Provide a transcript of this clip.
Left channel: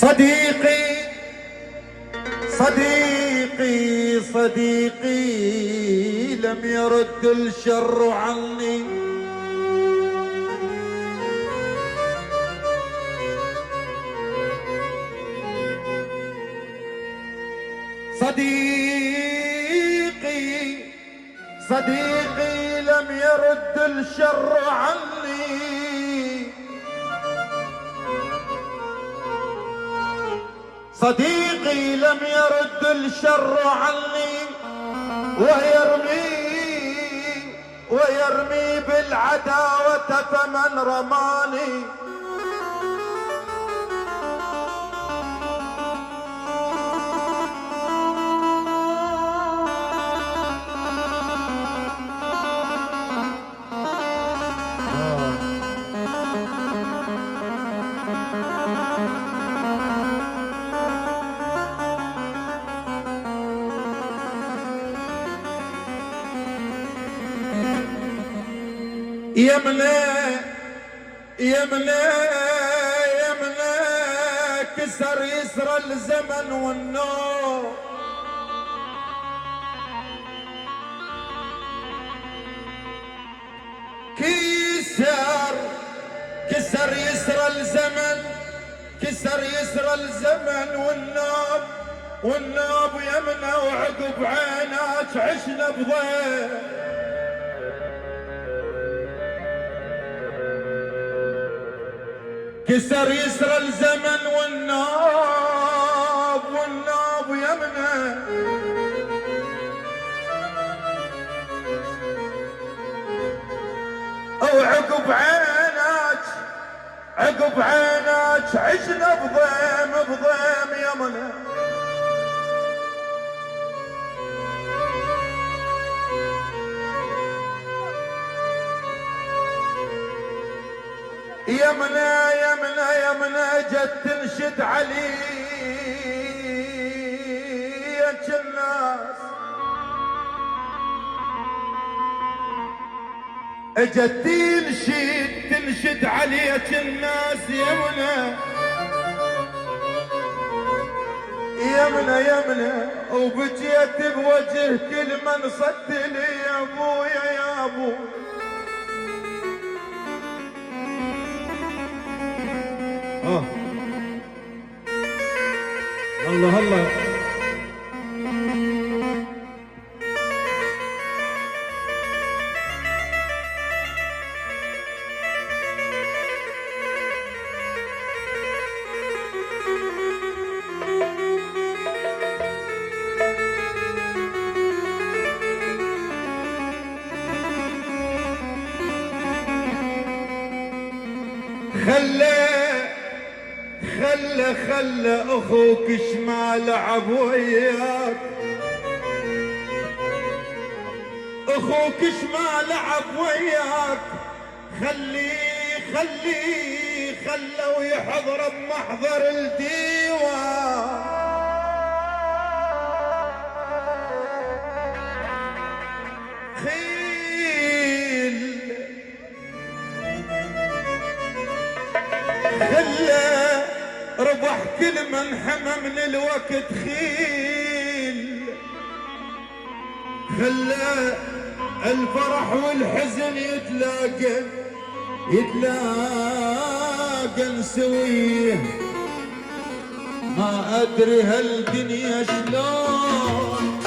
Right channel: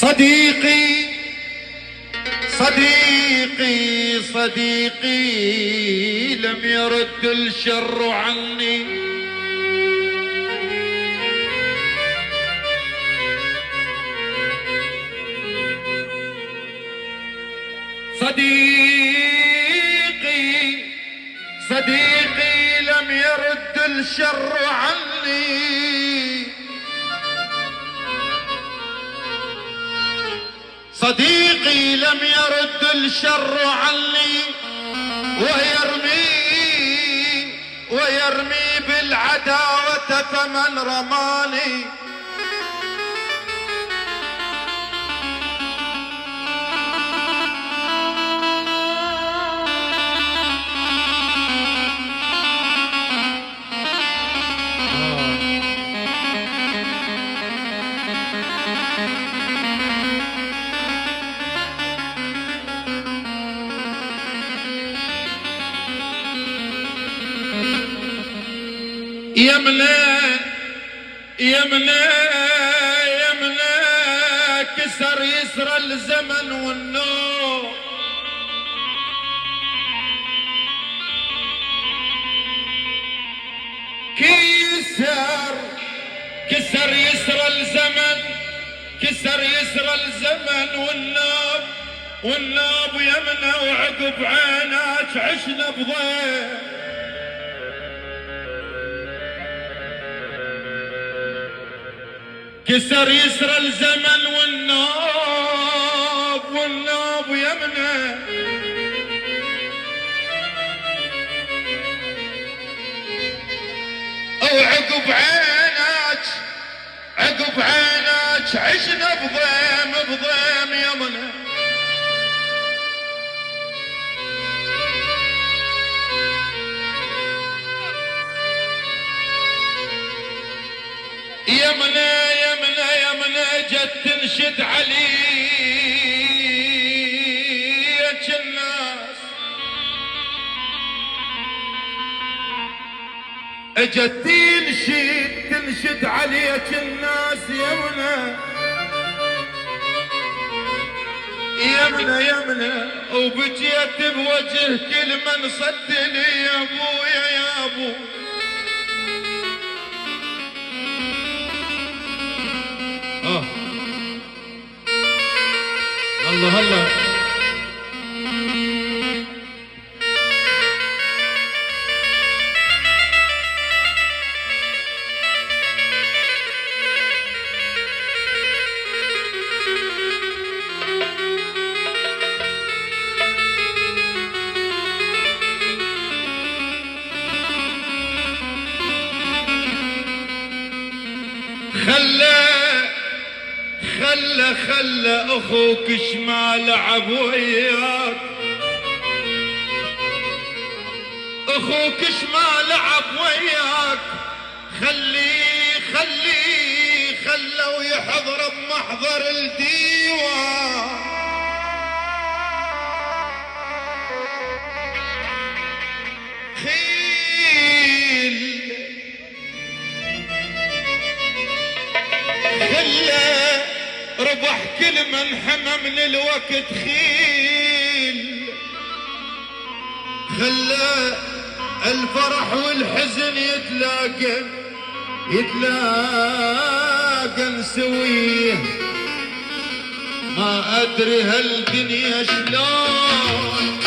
صديقي صديقي صديقي لم يرد الشر عني، صديقي صديقي لم يرد الشر عني، صديقي لم يرد الشر عني، ويرمي بالعداوة فمن رماني. يمنى كسر يسرى الزمن والنور، كسر يسرى الزمن، كسر يسرى الزمن والناب يمنى، وعقب عينك عشنا بضيق. كسر يسرى الزمن والناب يمنى، وعقب عينك عشنا بضيم يمنى. يمنى جت تنشد عليك الناس، اجت تنشد عليك الناس يمنى وبجيت بوجه كل من صد لي يا ابويا يا ابو. الله الله خلى اخوك شمال لعب وياك، اخوك شمال لعب وياك، خلوا يحضر بمحضر الديوان. ربح كل من حمى من الوقت خيل، خلى الفرح والحزن يتلاقى نسويه. ما ادري هالدنيا شلون